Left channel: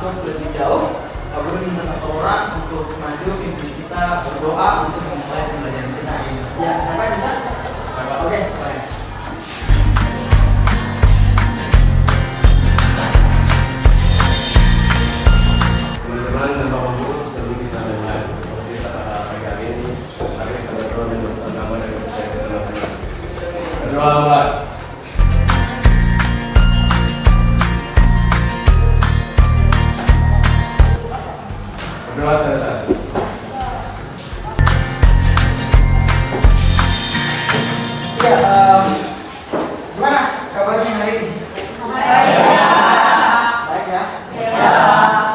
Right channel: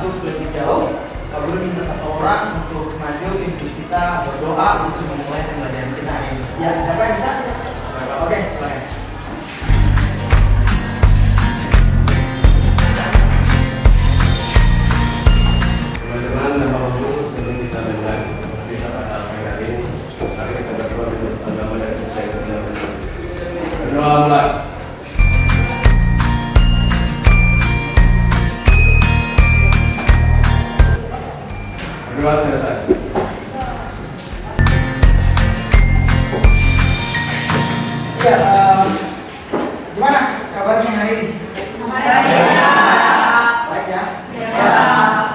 masuk lebih jauh, Pak Guru minta satu orang untuk maju pimpin kita berdoa untuk memulai pembelajaran kita hari ini. Ya, siapa yang bisa? Oke, silakan. Teman-teman dan Bapak Guru, sebelum kita mulai kita pada pagi hari ini, mari kita berdoa untuk nama dan percaya kita masing-masing. Berdoa mulai. Berdoa selesai. Ya, gimana kabarnya hari ini? Baik ya?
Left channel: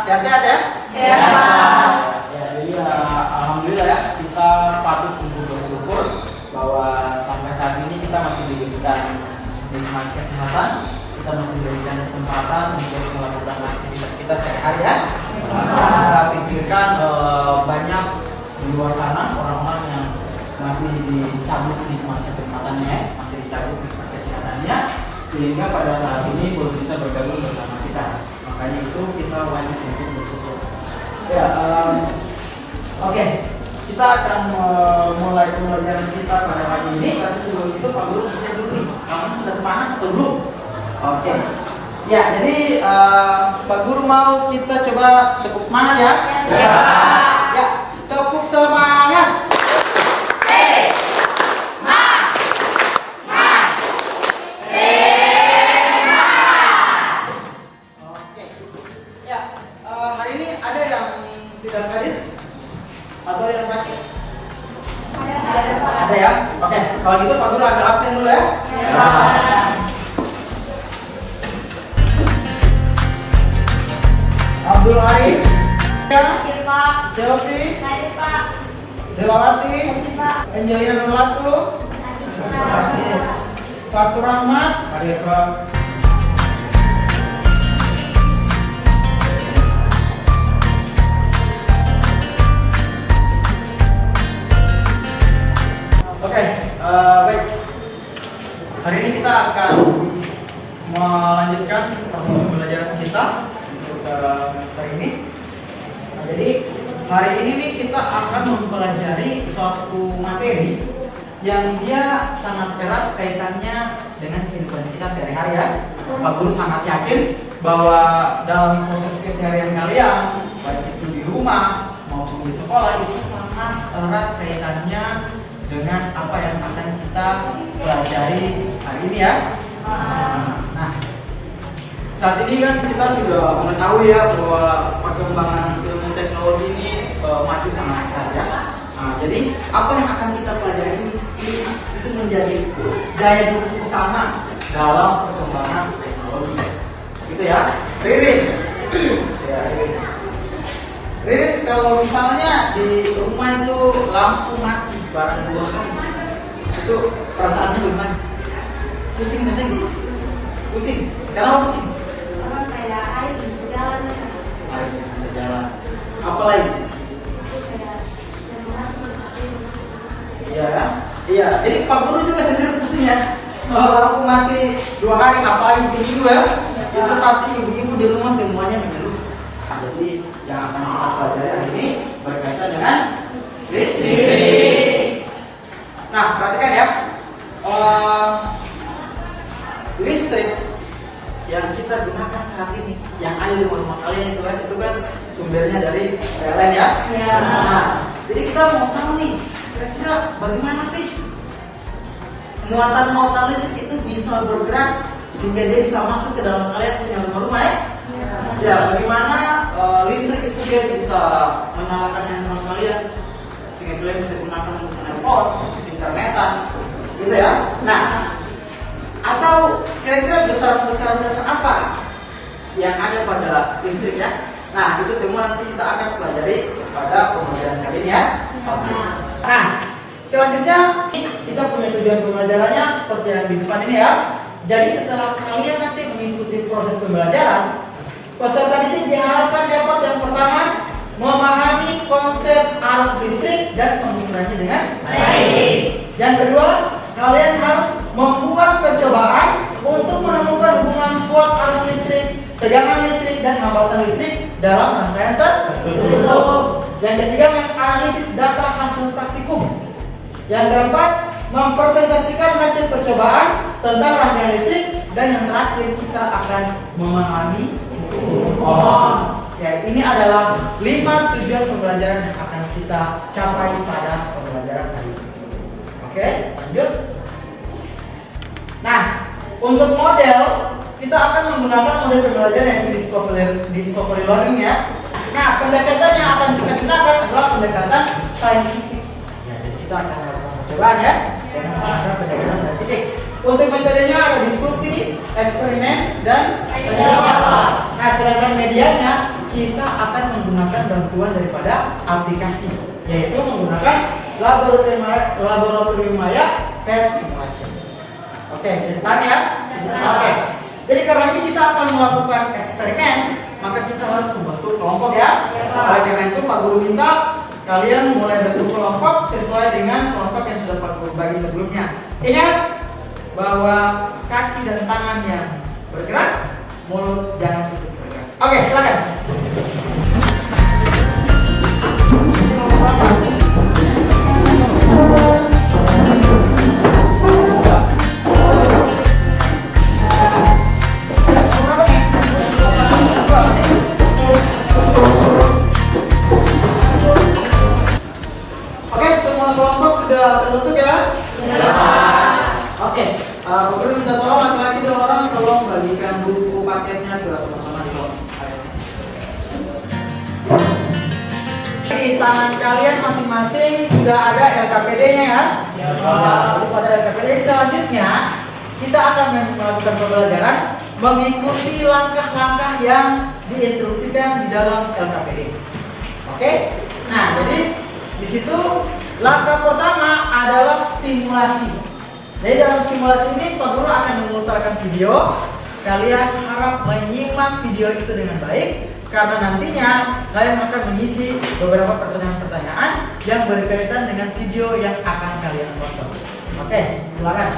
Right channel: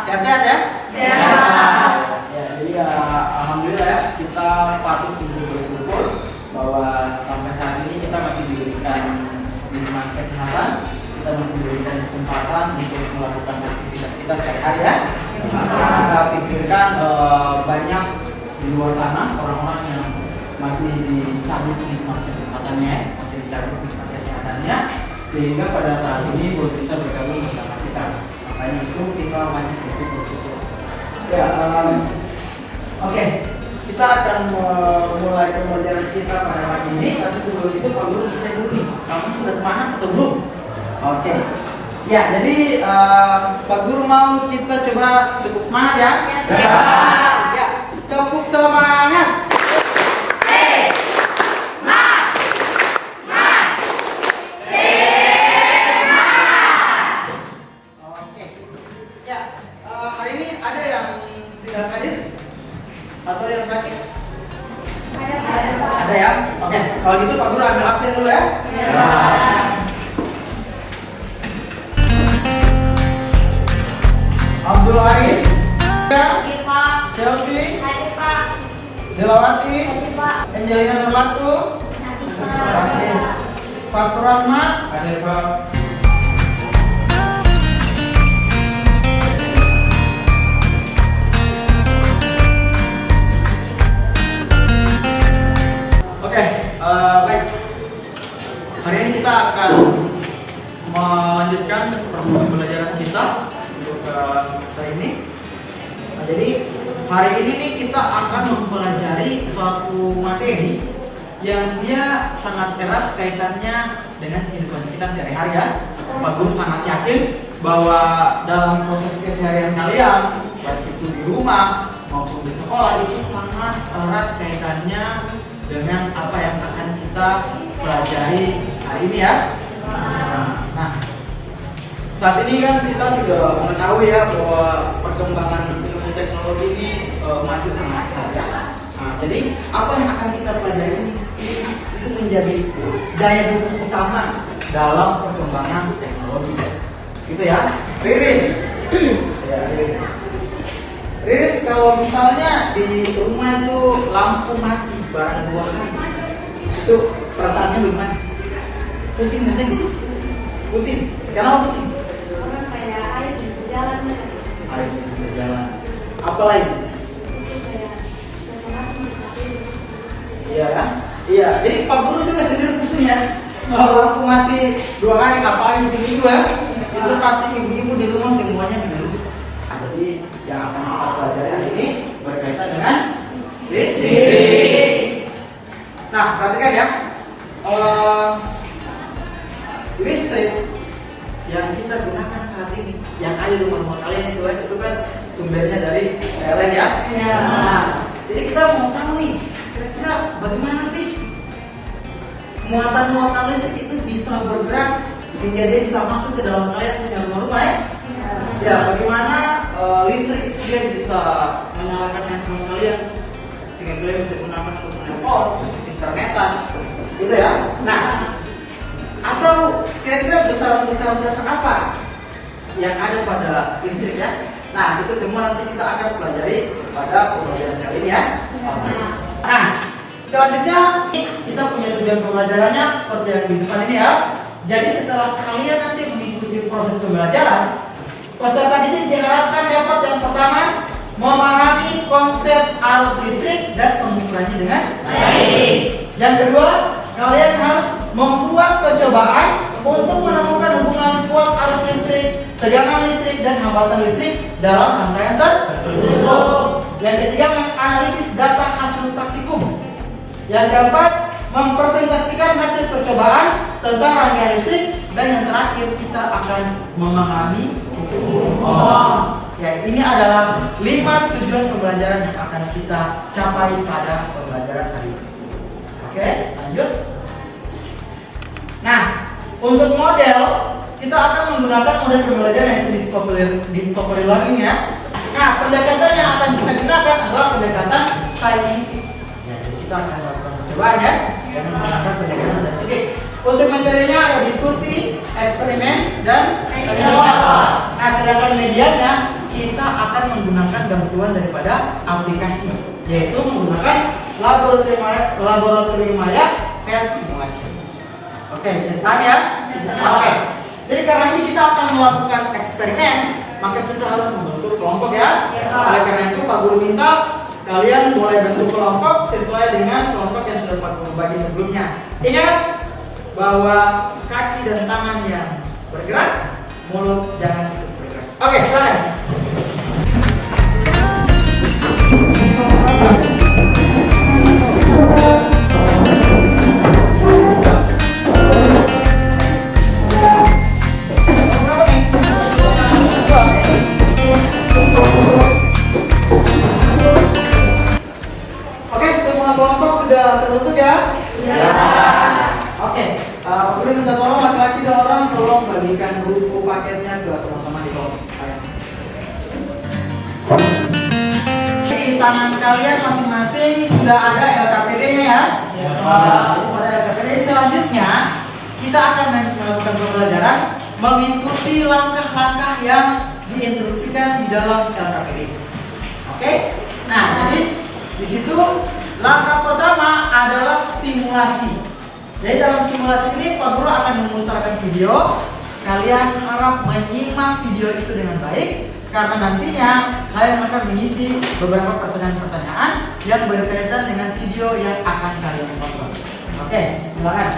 Sehat-sehat ya? Sehat. Ya, jadi alhamdulillah ya, kita patut untuk bersyukur bahwa sampai saat ini kita masih diberikan nikmat kesehatan, kita masih diberikan kesempatan untuk melakukan aktivitas kita sehari ya. Kita pikirkan banyak di luar sana orang-orang yang masih dicabut nikmat kesehatannya, masih dicabut nikmat kesehatannya, sehingga pada saat ini belum bisa bergabung bersama kita. Makanya itu kita wajib untuk bersyukur. Ya, oke. Kita akan mulai pembelajaran kita pada hari ini. Tapi sebelum itu Pak Guru cek dulu nih, kamu sudah semangat atau belum? Oke. Ya, jadi Pak Guru mau kita coba tepuk semangat ya? Ya. Ya, tepuk semangat. Oke. Ya, hari ini ada yang tidak hadir atau ada yang sakit? Ada ya? Oke, kalau gitu Pak Guru ambil absen dulu ya. Abdul Haris, Chelsea, Delawati, Angelina Nurlatu, Fatur Rahmat, Hadir Pak. Oke, baik. Hari ini kita akan melanjutkan proses pembelajaran kita untuk semester ini. Nah, jadi hari ini nih kita akan mempelajari suatu materi yang dia sangat erat kaitannya dengan kehidupan kita sehari-hari ya. Pak Guru sangat yakin bahwa dalam proses keseharian kalian, baik itu di rumah maupun di sekolah, itu sangat erat kaitannya dengan apa yang akan kita pelajari hari ini ya. Nah, saat ini kan kita sudah mengetahui ya bahwa perkembangan ilmu teknologi ini maju sangat pesat ya. Nah, jadi apa yang akan kita pelajari ini itu menjadi daya dukung utama dalam perkembangan teknologi. Gitu ya, Ririn. Ya, Ririn, kalau misalnya di rumah itu lampu mati barang buatan, itu perasaannya gimana? Pusing nggak sih? Pusing. Kenapa pusing? Air sih bisa jalan. Apa lagi? Iya, iya. Jadi Pak Guru juga sendiri pusing ya. Kalau lampu mati 2 hari, apalagi seminggu ya. Itu pasti ibu-ibu di rumah semuanya mengeluh. Jadi yang akan kita pelajari hari ini berkaitan dengan listrik. Nah, perhatikan ya. Listrik yang kita gunakan saat ini, yang ada di rumah kalian itu kan sumbernya dari PLN ya. Nah, jadi kita mau tahu nih, kira-kira bagaimana sih muatan listrik itu bisa bergerak sehingga dia bisa masuk ke dalam kalian punya rumah ya. Ya, bagaimana listrik itu dia bisa menyalakan handphone kalian sehingga kalian bisa gunakan untuk menelpon, internetan, gitu ya. Nah, atau kira-kira besaran apa yang ada pada listrik ya? Nah, itu semua nanti kita akan pelajari pada pembelajaran kali ini ya. Oke. Nah, selanjutnya kita punya tujuan pembelajarannya seperti yang di depan ini ya. Jadi setelah kalian nanti mengikuti proses pembelajaran, peserta didik diharapkan dapat yang pertama memahami konsep arus listrik dan pengukurannya dengan baik. Yang kedua, kalian harus membuat percobaan untuk menemukan hubungan kuat arus listrik, tegangan listrik, dan hambatan listrik dalam rangkaian tertentu. Yang ketiga, menganalisis data hasil praktikum. Yang keempat, mempresentasikan hasil percobaan tentang rangkaian listrik. Dan yang terakhir, kita akan memahami hitung. Ya, ini adalah 5 tujuan pembelajaran yang akan kita capai pada pembelajaran hari ini. Oke, lanjut. Nah, untuk model kita akan menggunakan model pembelajaran yang discovery learning ya. Nah, pendekatan yang akan kita gunakan adalah pendekatan saintifik. Ya, jadi kita akan melakukan percobaan ya dan menggunakan pendekatan saintifik. Untuk materinya ada diskusi, eksperimen, dan penelitian. Nah, sedangkan medianya kita akan menggunakan bantuan daripada aplikasi, yaitu menggunakan laboratorium Maya Health Simulation. Oke, bisa dipahami ya? Oke. Jadi karena ini kita akan melakukan eksperimen, maka kita harus membentuk kelompok ya. Oleh karena itu Pak Guru minta kalian boleh bentuk kelompok sesuai dengan kelompok yang sudah Pak Guru bagi sebelumnya. Ingat bahwa kaki dan tangan yang bergerak, mulut jangan ikut bergerak. Oke, silakan. Oke, semua kelompok sudah terbentuk ya? Ya. Oke, Pak Guru minta tolong laki-laki 2 orang tolong bagikan buku paketnya ke teman-teman di bawah. Di tangan kalian masing-masing sudah ada LKPD-nya ya? Ya. Jadi sudah ada LKPD. Selanjutnya kita akan melakukan pembelajaran mengikuti langkah-langkah yang diinstruksikan di dalam LKPD. Oke? Nah, jadi di situ langkah pertama adalah stimulasi. Jadi dalam stimulasi ini Pak Guru akan memutarkan video. Kalian harap menyimak video itu dengan baik karena nantinya kalian akan mengisi beberapa pertanyaan-pertanyaan yang berkaitan dengan video yang akan kalian tonton. Oke, silakan.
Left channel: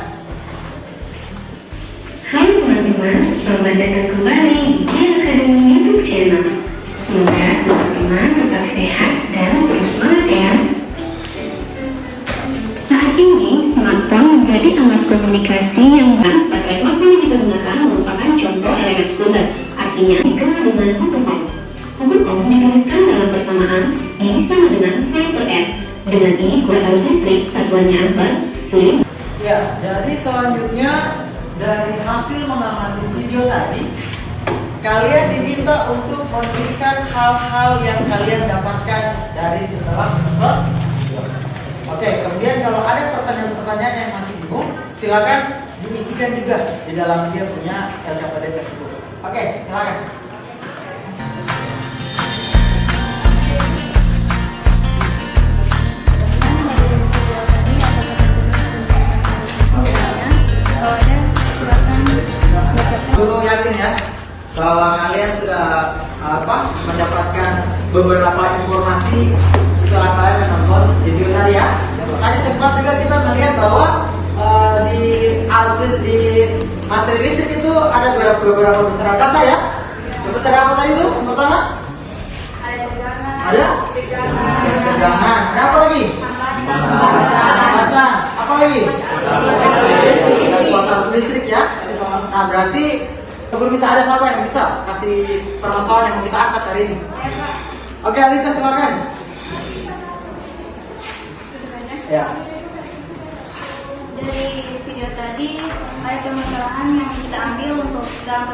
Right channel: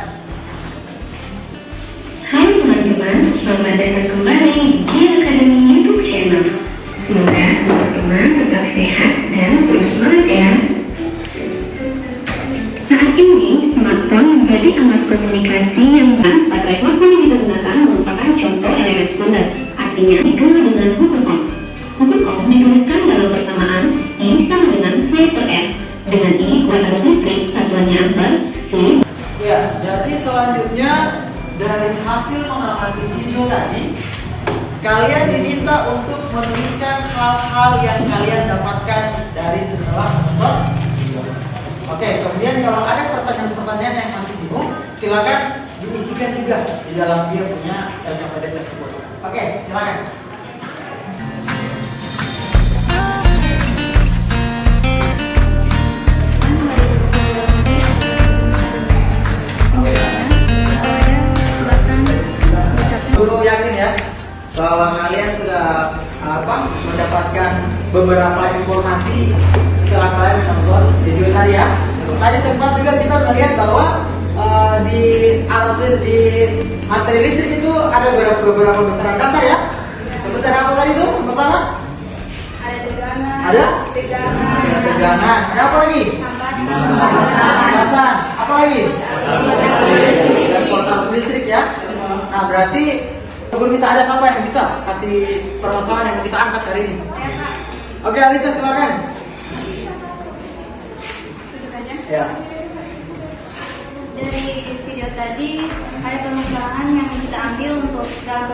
Hai teman-teman, selamat datang kembali di Gian Academy YouTube channel. Semoga teman-teman tetap sehat dan terus semangat ya. Saat ini, smartphone menjadi alat komunikasi yang baterai smartphone yang kita gunakan merupakan contoh elemen standar. Artinya, dikenal dengan huruf O. Huruf O dituliskan dalam persamaan I sama dengan V per R. Dengan I, kue arus listrik, satuannya ampere, V. Ya, jadi selanjutnya dari hasil mengamati video tadi, kalian diminta untuk menuliskan hal-hal yang kalian dapatkan dari setelah menonton video. Oke, kemudian kalau ada pertanyaan-pertanyaan yang masih bingung, silakan diisikan juga di dalam dia punya LKPD tersebut. Oke, silakan. Guru yakin ya bahwa kalian sudah mendapatkan beberapa informasi setelah kalian menonton video tadi ya. Tadi sempat juga kita melihat bahwa di materi listrik itu ada beberapa pembicaraan dasar ya. Pembicaraan apa tadi itu? Yang pertama? Ada tegangan. Ada apa lagi? Hambatan. Apa lagi? Dan kuantum listrik ya. Nah, berarti Guru minta ada siapa yang bisa kasih permasalahan yang mau kita angkat hari ini? Oke, Alisa silakan. Ya. Dari video tadi ada permasalahan yang kita ambil untuk dalam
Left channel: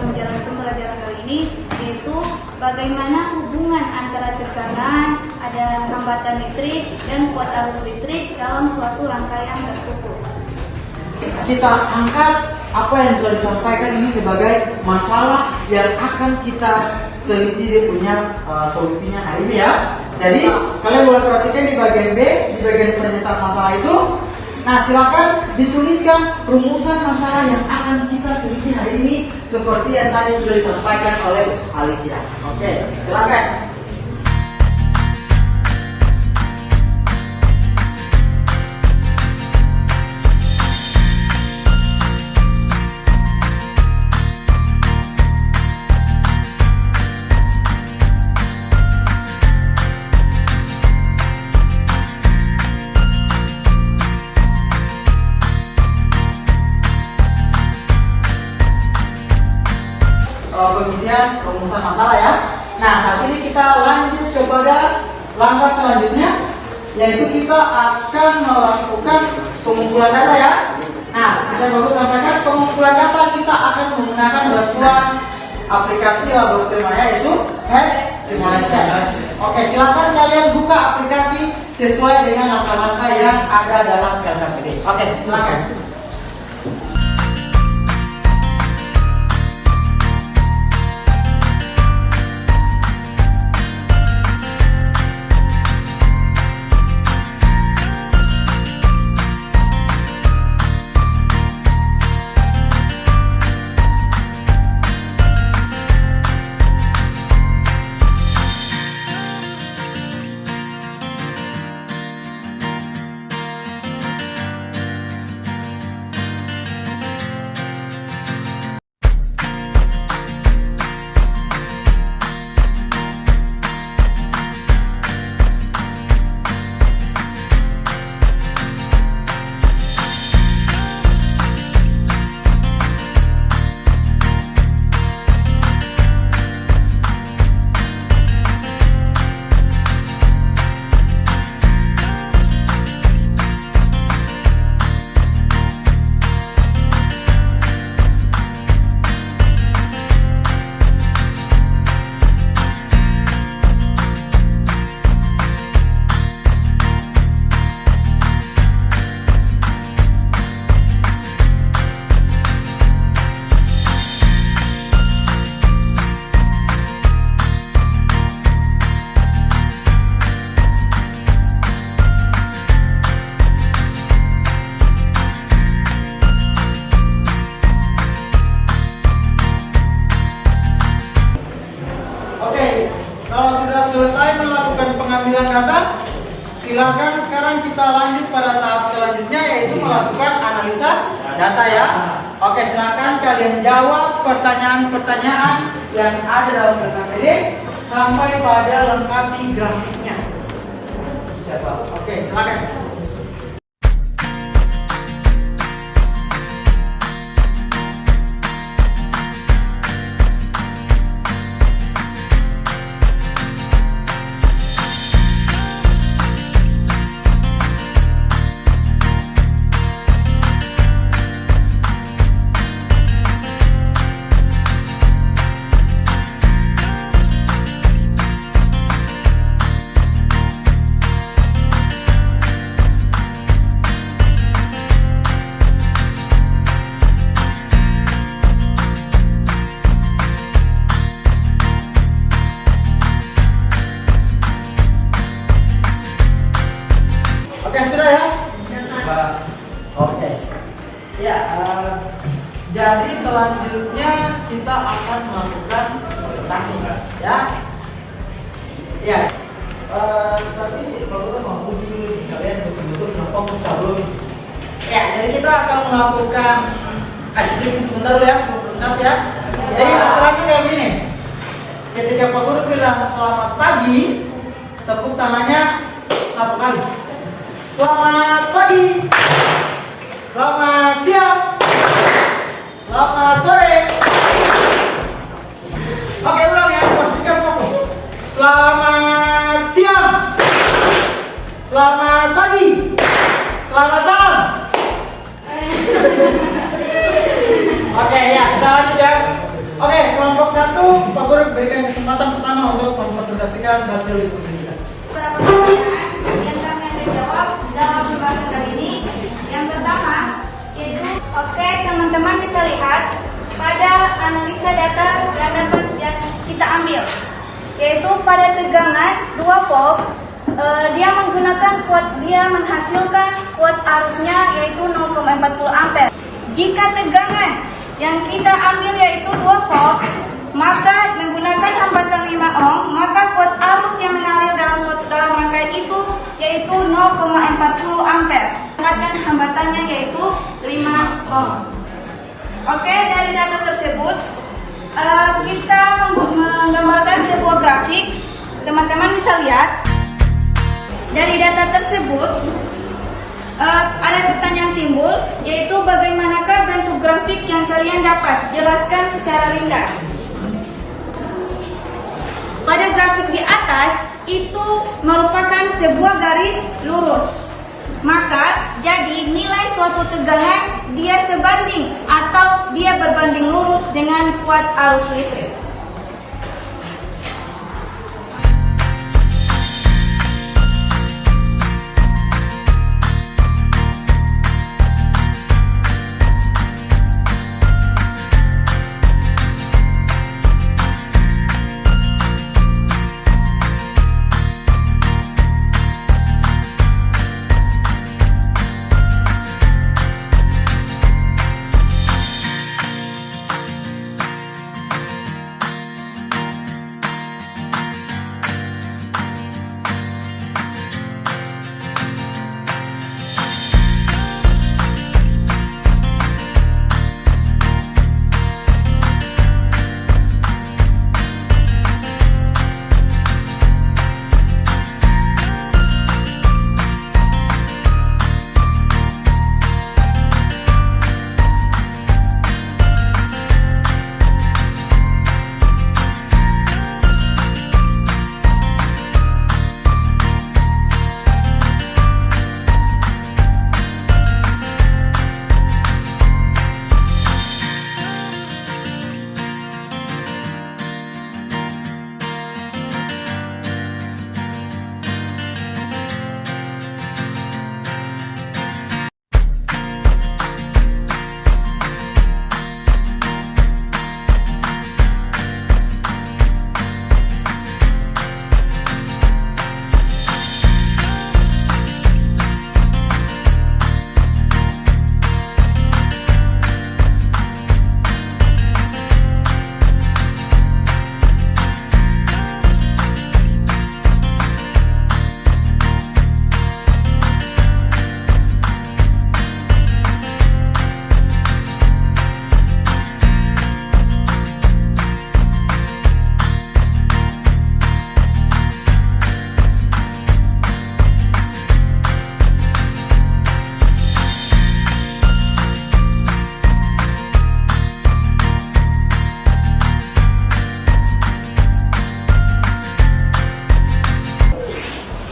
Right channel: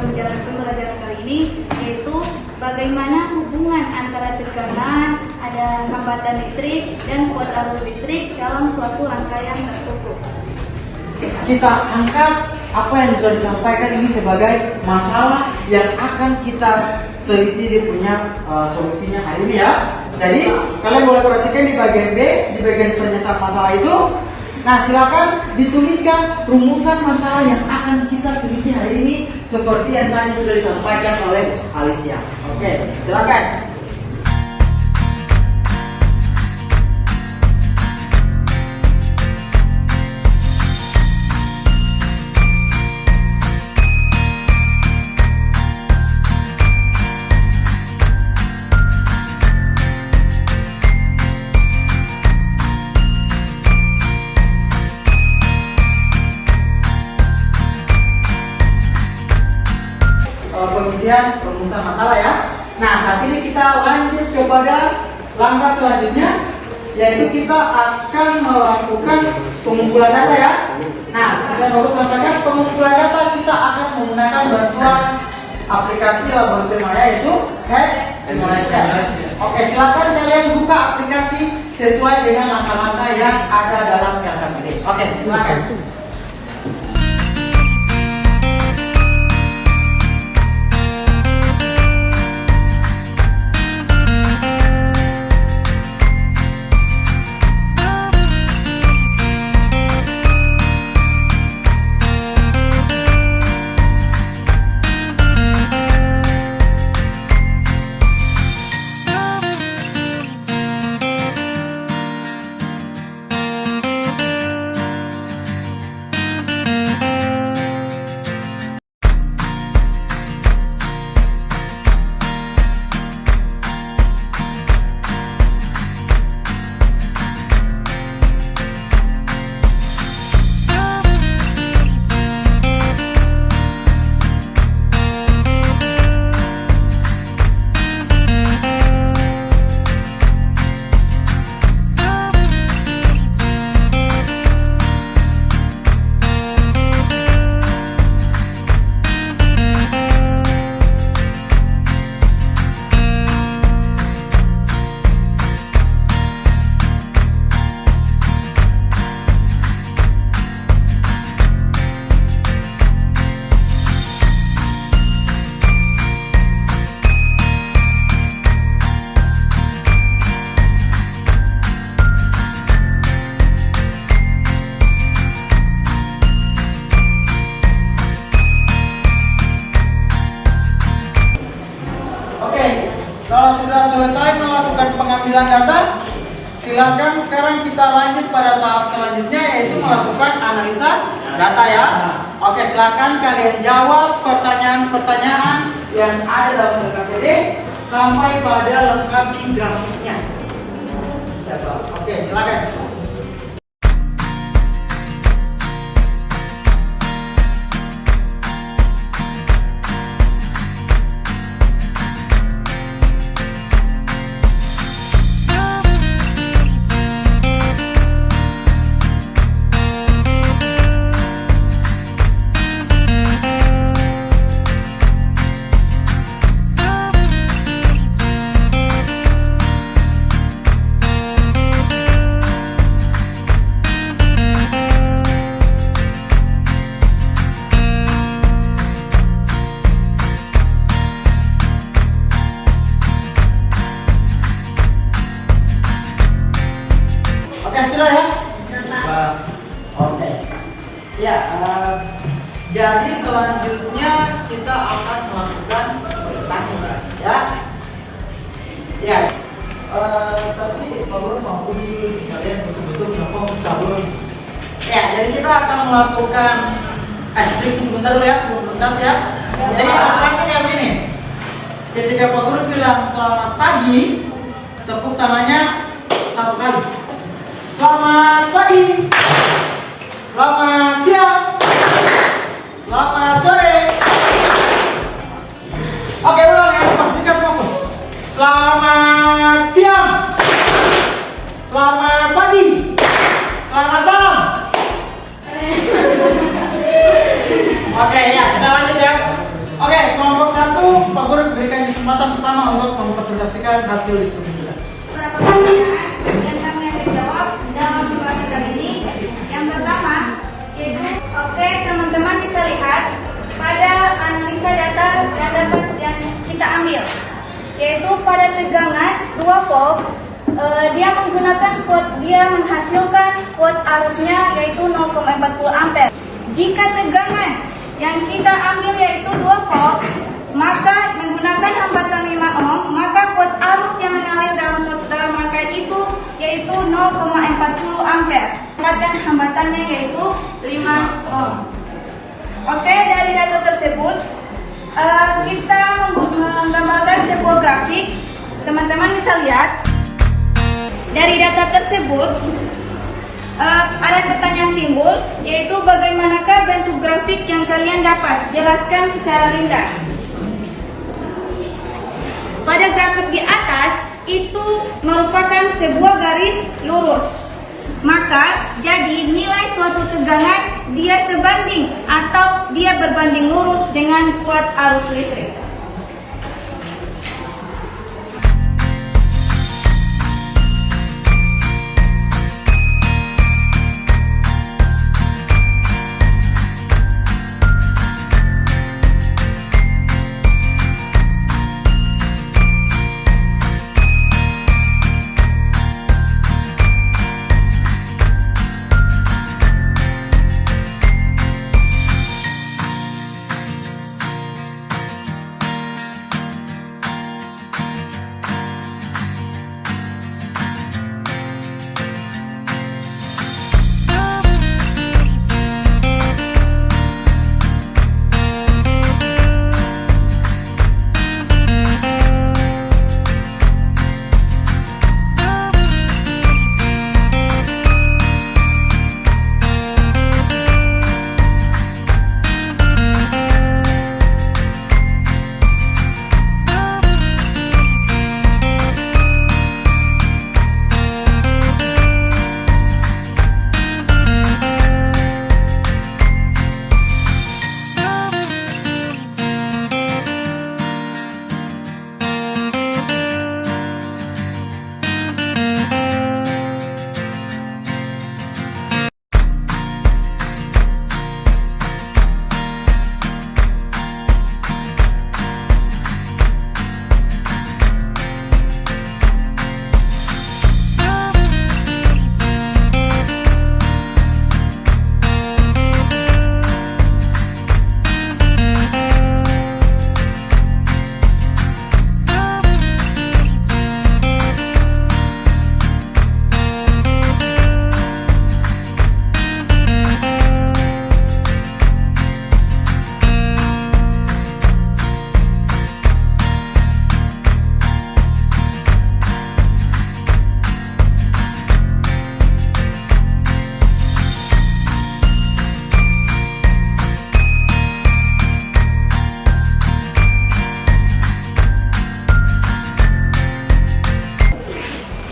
pembelajaran kali ini, yaitu bagaimana hubungan antara tekanan, ada hambatan listrik dan kuat arus listrik dalam suatu rangkaian tertutup. Kita angkat apa yang sudah disampaikan ini sebagai masalah yang akan kita teliti dia punya solusinya hari ini ya. Jadi kalian boleh perhatikan di bagian B, di bagian pernyataan masalah itu. Nah, silakan dituliskan rumusan masalah yang akan kita teliti hari ini seperti yang tadi sudah disampaikan oleh Alicia. Oke, silakan. kita lanjut kepada langkah selanjutnya, yaitu kita akan melakukan pengumpulan data ya. Nah, kita baru sampaikan pengumpulan data kita akan menggunakan bantuan aplikasi Laboratorium Maya, yaitu Hack Simulation. Oke, silakan kalian buka aplikasi sesuai dengan langkah-langkah yang ada dalam data ini. Oke, silakan. Kalau sudah selesai melakukan pengambilan data, silakan sekarang kita lanjut pada tahap selanjutnya, yaitu melakukan analisa data ya. Oke, silakan kalian jawab pertanyaan-pertanyaan yang ada dalam LKPD sampai pada lengkapi grafiknya. Siapa? Oke, silakan. Oke, sudah ya? Oke. Ya, jadi selanjutnya kita akan melakukan presentasi ya. Ya. Tapi Pak Guru mau uji dulu kalian betul-betul fokus dulu. Ya, jadi kita akan melakukan sebentar dulu ya, tuntas ya. Jadi aturannya yang ini. Ketika Pak Guru bilang selamat pagi, tepuk tangannya 1 kali. Selamat pagi, selamat siang, selamat sore. Oke, ulang ya, pastikan fokus. Selamat siang, selamat pagi, selamat malam. Oke ya, kita lanjut ya. Oke, kelompok 1, Pak Guru berikan kesempatan pertama untuk mempresentasikan hasil diskusi kita. Dalam pembahasan kali ini, yang pertama yaitu, oke teman-teman bisa lihat pada analisa data yang kita ambil, yaitu pada tegangan 2 volt, dia menggunakan dia menghasilkan kuot arusnya yaitu 0,40 ampere. Jika tegangan yang kita ambil yaitu 2 volt, maka menggunakan hambatan 5 ohm, maka kuot arus yang mengalir dalam rangkaian itu yaitu 0,40 ampere. Dan hambatannya yaitu 5 ohm. Oke, dari data tersebut kita menggambarkan sebuah grafik. Teman-teman bisa lihat dari data tersebut ada pertanyaan timbul, yaitu bagaimanakah bentuk grafik yang kalian dapat? Jelaskan secara ringkas. Pada grafik di atas itu merupakan sebuah garis lurus. Maka jadi nilai suatu tegangan dia sebanding atau dia berbanding lurus dengan kuat arus listrik.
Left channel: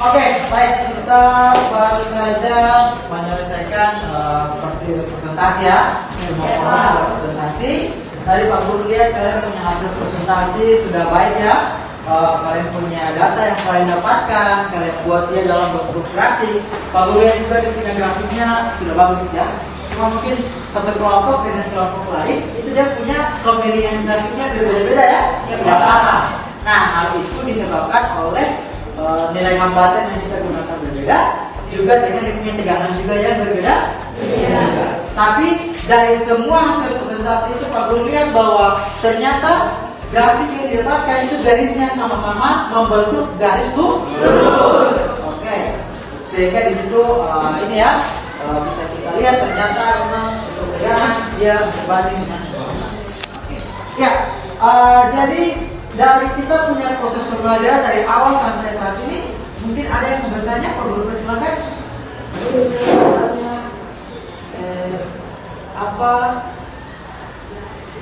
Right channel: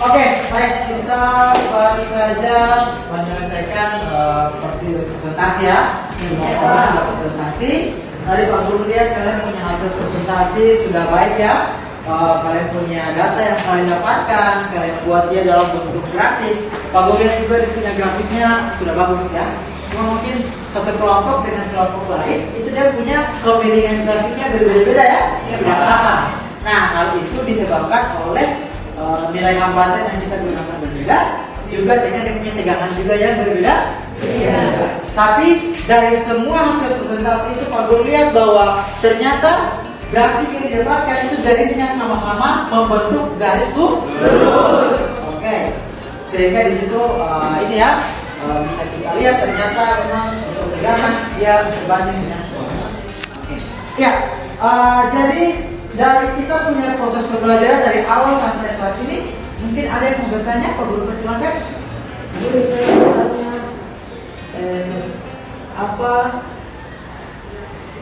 Oke, baik, kita baru saja menyelesaikan presentasi ya. Semua presentasi. Tadi Pak Guru lihat kalian punya hasil presentasi sudah baik ya. Kalian punya data yang kalian dapatkan, kalian buat dia dalam bentuk grafik. Pak Guru lihat juga punya grafiknya sudah bagus ya. Cuma mungkin satu kelompok dengan kelompok lain itu dia punya kemiringan grafiknya berbeda-beda ya, tidak sama. Nah, hal itu disebabkan oleh nilai hambatan yang kita gunakan berbeda, juga dengan punya tegangan juga yang berbeda. Tapi dari semua hasil presentasi itu Pak Guru lihat bahwa ternyata grafik yang didapatkan itu garisnya sama-sama membentuk garis lurus. Oke, sehingga di situ ini ya bisa kita lihat ternyata memang untuk tegangan dia sebanding dengan. Oke, ya jadi dari kita punya proses pembelajaran dari awal sampai saat ini, mungkin ada yang mau bertanya, Pak Guru persilakan. Jadi saya bertanya, apa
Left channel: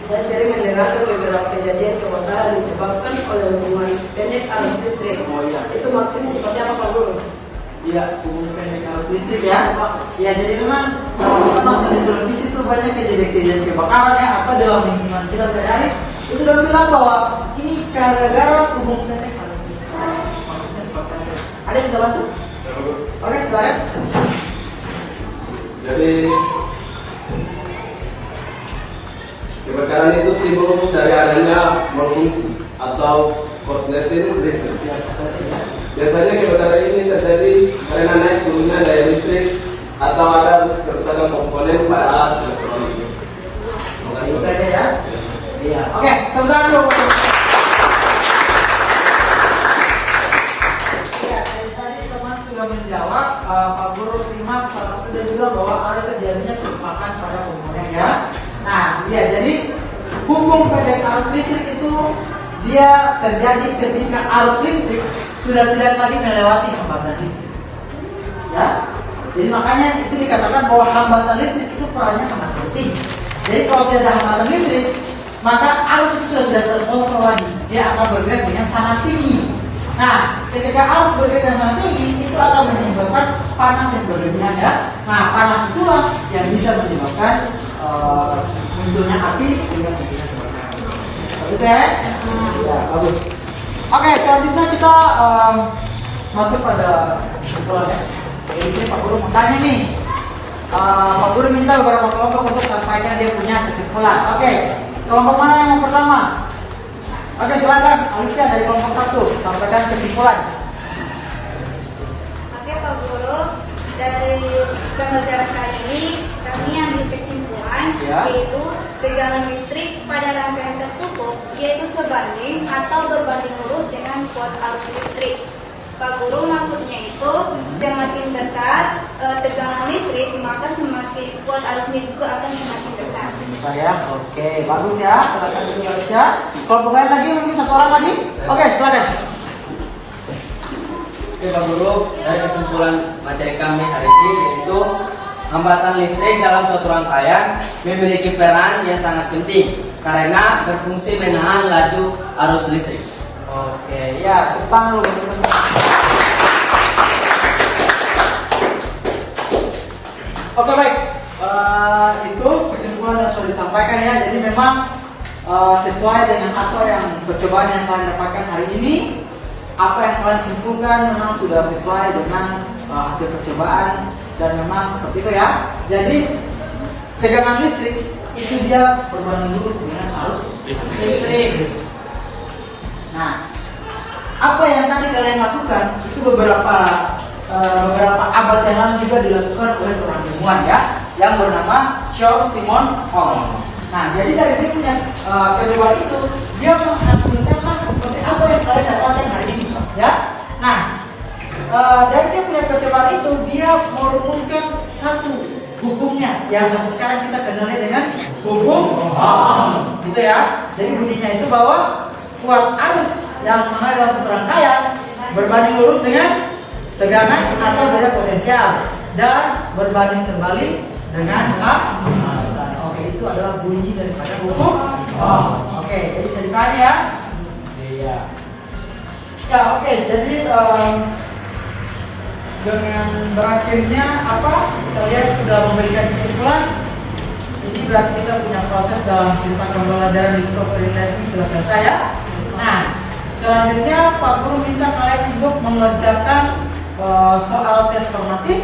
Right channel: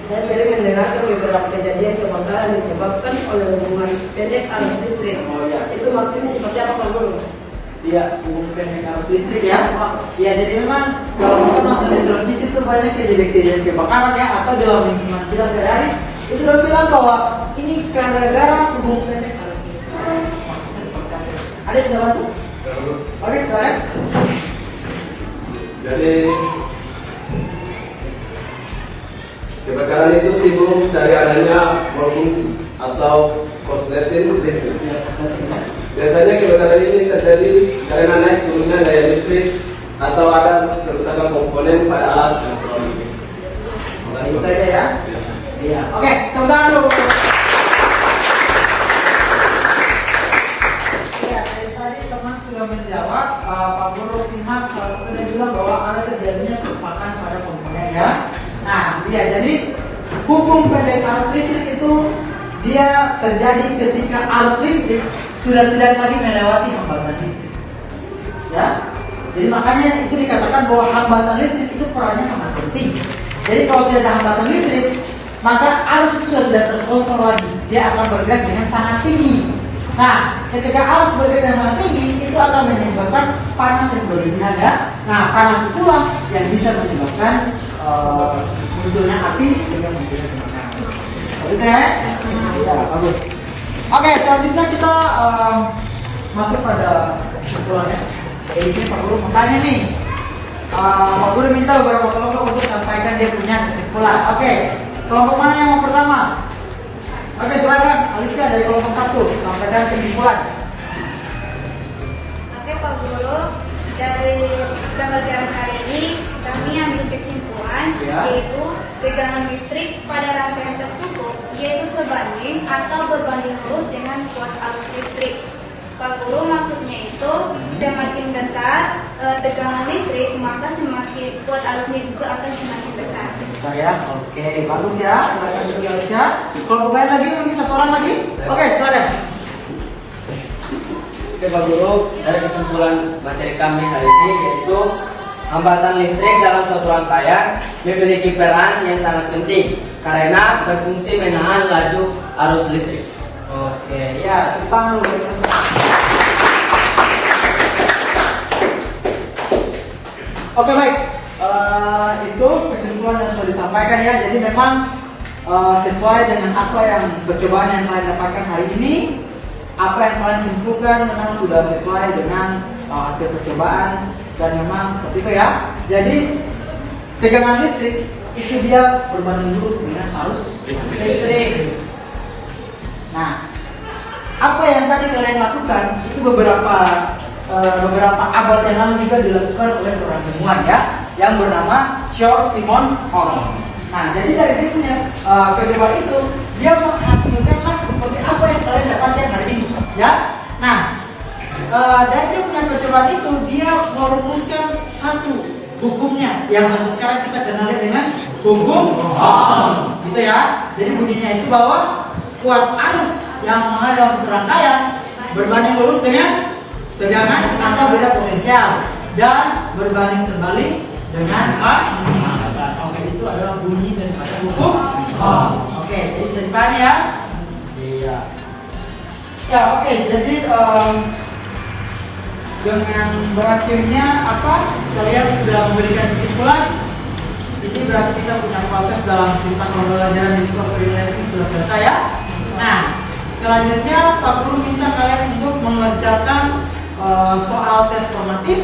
saya sering mendengarkan beberapa kejadian kebakaran disebabkan oleh hubungan pendek arus listrik. Oh, ya. Itu maksudnya seperti apa Pak Guru? Iya, hubungan pendek arus listrik ya. Ya, jadi memang kalau bisa nonton di televisi itu banyak kejadian kebakaran ya, apa dalam lingkungan kita sehari itu udah bilang bahwa ini gara-gara hubungan pendek arus listrik. Maksudnya seperti apa? Ada yang bisa bantu? Oke, silakan. Jadi kebakaran itu timbul dari adanya malfungsi atau korsleting listrik. Biasanya kebakaran ini terjadi karena naik turunnya daya listrik atau ada kerusakan komponen pada alat elektronik. Itu saja ya. Iya. Oke, tepuk tangan dulu. Ya, tadi teman sudah menjawab. Pak Guru simak salah satu dia bilang bahwa ada terjadinya kerusakan pada komponen ya. Nah, iya, jadi hubung pendek arus listrik itu dia terjadi ketika arus listrik sudah tidak lagi melewati hambatan listrik. Ya, jadi makanya itu dikatakan bahwa hambatan listrik itu perannya sangat penting. Jadi kalau tidak ada hambatan listrik, maka arus itu sudah tidak terkontrol lagi. dia akan bergerak dengan sangat tinggi. Nah, ketika arus bergerak dengan sangat tinggi, itu akan menyebabkan panas yang berlebihan ya. Nah, panas itulah yang bisa menyebabkan munculnya api sehingga munculnya kebakaran. Seperti itu ya? Ya, bagus. Oke, selanjutnya kita masuk pada kesimpulannya. Jadi di sini Pak Guru mau tanya nih. Pak Guru minta beberapa kelompok untuk sampaikan dia punya kesimpulan. Oke, kelompok mana yang mau pertama? Oke, silakan Alicia dari kelompok 1 sampaikan kesimpulan. Oke Pak Guru, dari pembelajaran kali ini kami ambil kesimpulan Ya. yaitu tegangan listrik pada rangkaian tertutup yaitu sebanding atau berbanding lurus dengan kuat arus listrik. Pak Guru, maksudnya itu semakin besar tegangan listrik maka semakin kuat arusnya juga akan semakin besar. Besar ya, oke, bagus ya. Silakan dulu Alicia. Kelompok lain lagi, mungkin satu orang lagi. Oke, silakan. Oke Pak Guru, dari kesimpulan materi kami hari ini yaitu hambatan listrik dalam suatu rangkaian memiliki peran yang sangat penting karena berfungsi menahan laju arus listrik. Oke, ya, tepuk tangan dulu. Oke, baik. Itu kesimpulan yang sudah disampaikan ya. Jadi memang sesuai dengan apa yang percobaan yang kalian dapatkan hari ini, apa yang kalian simpulkan memang sudah sesuai dengan hasil percobaan dan memang seperti itu ya. Jadi tegangan listrik itu dia berbanding lurus dengan arus listrik. Nah, apa yang tadi kalian lakukan itu beberapa abad yang lalu juga dilakukan oleh seorang ilmuwan ya, yang bernama Charles Simon Holland. Nah, jadi dari dia punya percobaan itu dia menghasilkan seperti apa yang kalian dapatkan hari ini ya. Nah, dari dia punya percobaan itu dia merumuskan satu hukumnya yang sampai sekarang kita kenali dengan hukum Ohm, gitu ya. Jadi bunyinya itu bahwa kuat arus yang mengalir dalam satu rangkaian berbanding lurus dengan tegangan atau beda potensial dan berbanding terbalik dengan hambatan. Oke, itu adalah bunyi daripada hukum Ohm. Oke, jadi bisa dipahami ya? Iya. Ya, oke. Jadi dengan berakhirnya apa? Kalian sudah memberikan kesimpulan. Ini berarti kita punya proses dalam sistem pembelajaran di Discovery Learning sudah selesai ya. Nah, selanjutnya Pak Guru minta kalian untuk mengerjakan soal tes formatif.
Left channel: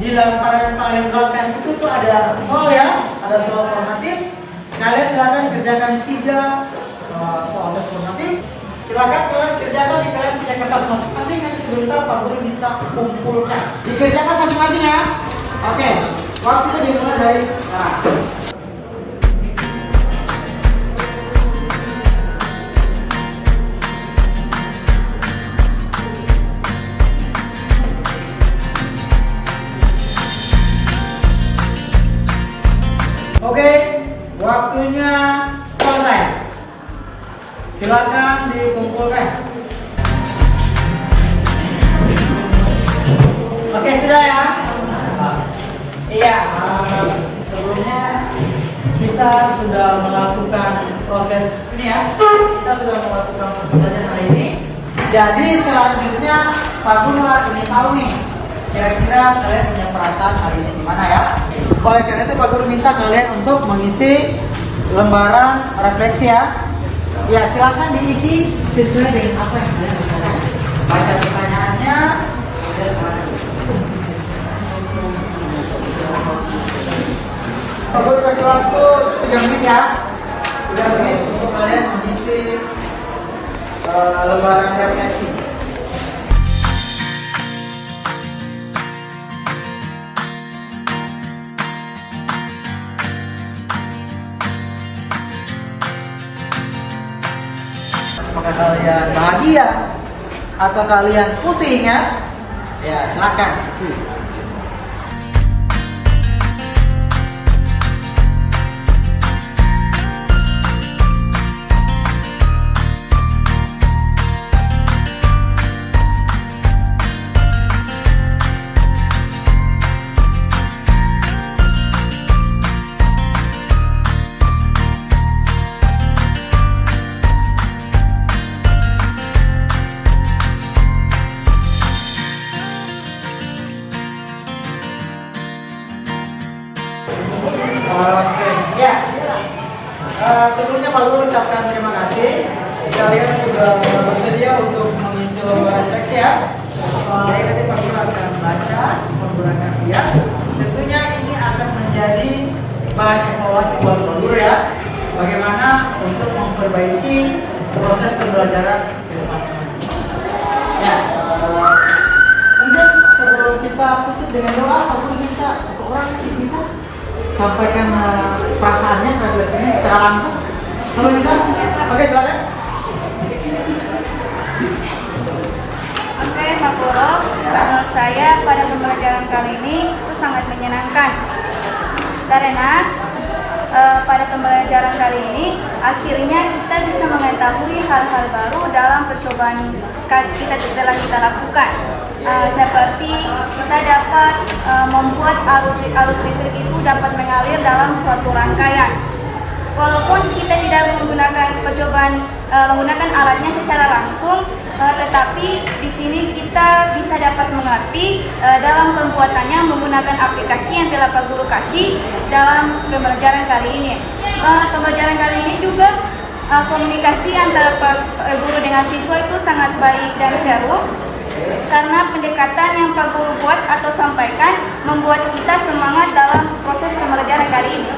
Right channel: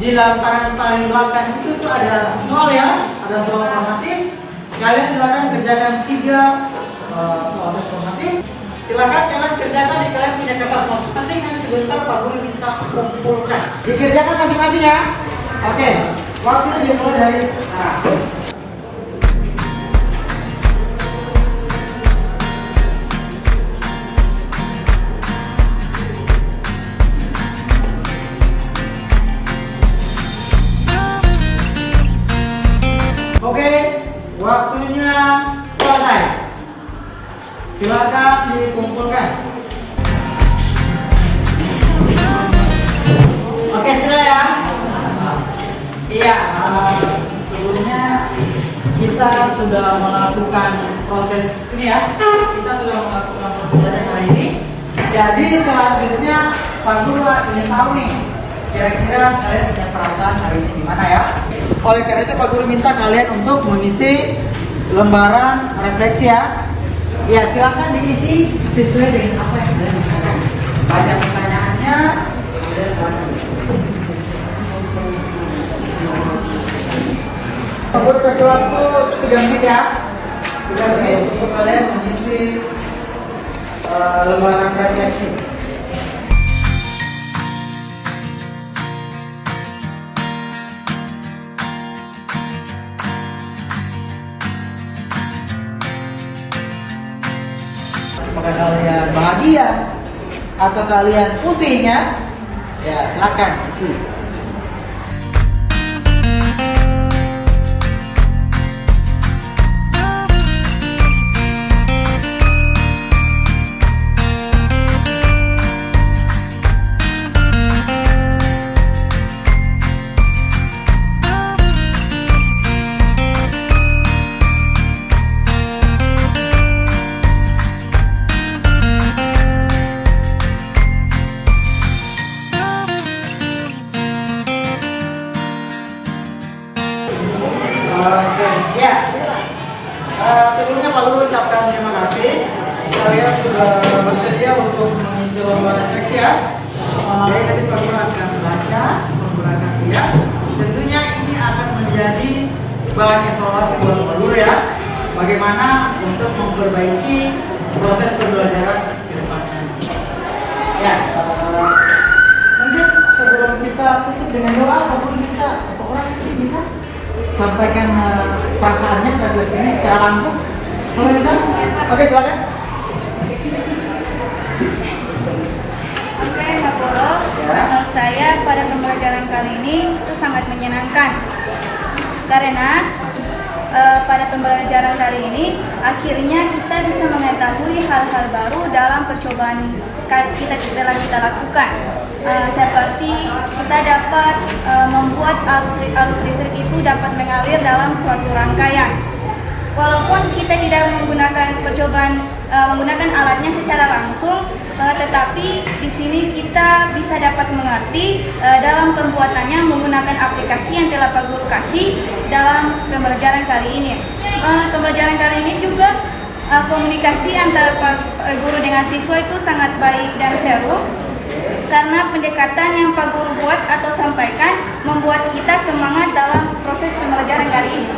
Di lembaran paling belakang itu tuh ada soal ya, ada soal formatif. Kalian silakan kerjakan 3 soal tes formatif. Silakan kalian kerjakan di kalian punya kertas masing-masing. Nanti sebentar Pak Guru minta kumpulkan. Dikerjakan masing-masing ya. Oke, waktunya dimulai dari Oke, waktunya selesai. Silakan dikumpulkan. Oke, sudah ya? Iya, sebelumnya kita sudah melakukan proses ini ya. Kita sudah melakukan proses belajar hari ini. Jadi selanjutnya Pak Guru ingin tahu nih, kira-kira kalian punya perasaan hari ini gimana ya? Oleh karena itu Pak Guru minta kalian untuk mengisi lembaran refleksi ya. Ya, silakan diisi sesuai dengan apa yang kalian rasakan. Baca pertanyaannya. Untuk sesuatu diganti ya. Diganti untuk kalian mengisi lembaran refleksi. Apakah kalian bahagia atau kalian pusing ya? Ya, silakan isi. Jadi nanti Pak Guru akan membaca, Pak Guru akan lihat. Tentunya ini akan menjadi bahan evaluasi buat Pak Guru ya. Bagaimana untuk memperbaiki proses pembelajaran ke depannya. Ya, mungkin sebelum kita tutup dengan doa, Pak Guru minta satu orang bisa sampaikan perasaannya ke sini secara langsung. Kalau bisa, oke silakan. Oke, Pak Guru, menurut saya pada pembelajaran kali ini itu sangat menyenangkan karena pada pembelajaran kali ini akhirnya kita bisa mengetahui hal-hal baru dalam percobaan kita telah kita lakukan. Seperti kita dapat membuat arus listrik itu dapat mengalir dalam suatu rangkaian. Walaupun kita tidak menggunakan menggunakan alatnya secara langsung, tetapi di sini kita bisa dapat mengerti dalam pembuatannya menggunakan aplikasi yang telah Pak Guru kasih dalam pembelajaran kali ini. Pembelajaran kali ini juga komunikasi antara Pak Guru dengan siswa itu sangat baik dan seru karena pendekatan yang Pak Guru buat atau sampaikan membuat kita semangat dalam proses pembelajaran kali ini.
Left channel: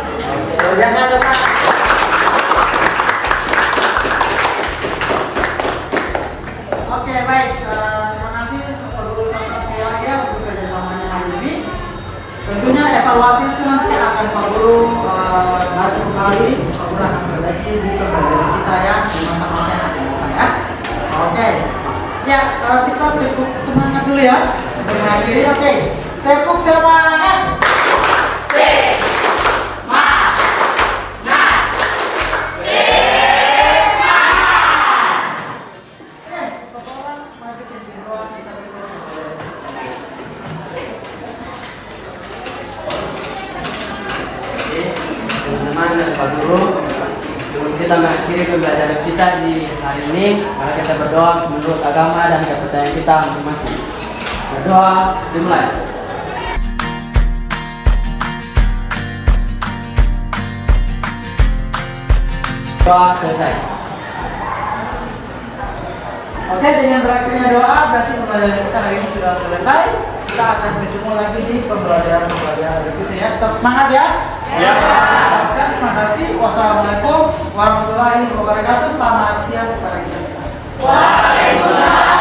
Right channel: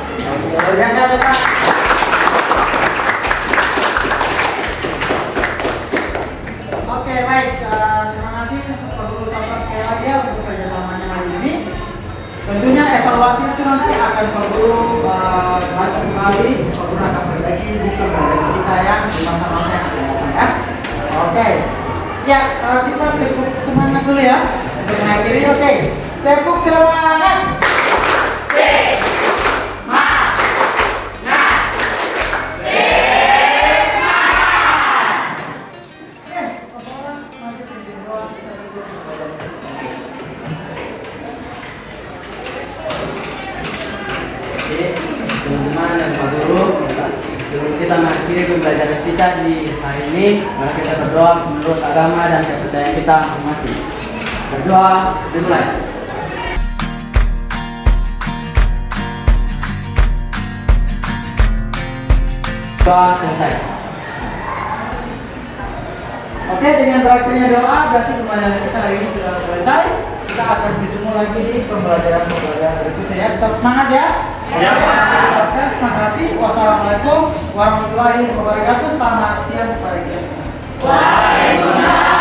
Oke, baik. Terima kasih Pak Guru ucapkan sekali lagi ya untuk kerjasamanya hari ini. Tentunya evaluasi itu nanti akan Pak Guru baca kembali. Pak Guru akan berbagi di pembelajaran kita yang di masa-masa yang akan datang ya. Oke. Ya, kita tepuk semangat dulu ya untuk mengakhiri. Oke, tepuk semangat. Teman-teman dan Pak Guru, sebelum kita mengakhiri pembelajaran kita di hari ini, mari kita berdoa menurut agama dan kepercayaan kita masing-masing. Berdoa dimulai. Doa selesai. Oke, dengan berakhirnya doa berarti pembelajaran kita hari ini sudah selesai. Kita akan bertemu lagi di pembelajaran berikutnya ya. Tetap semangat ya. Terima kasih. Wassalamualaikum warahmatullahi wabarakatuh. Selamat siang kepada kita semua. Waalaikumsalam.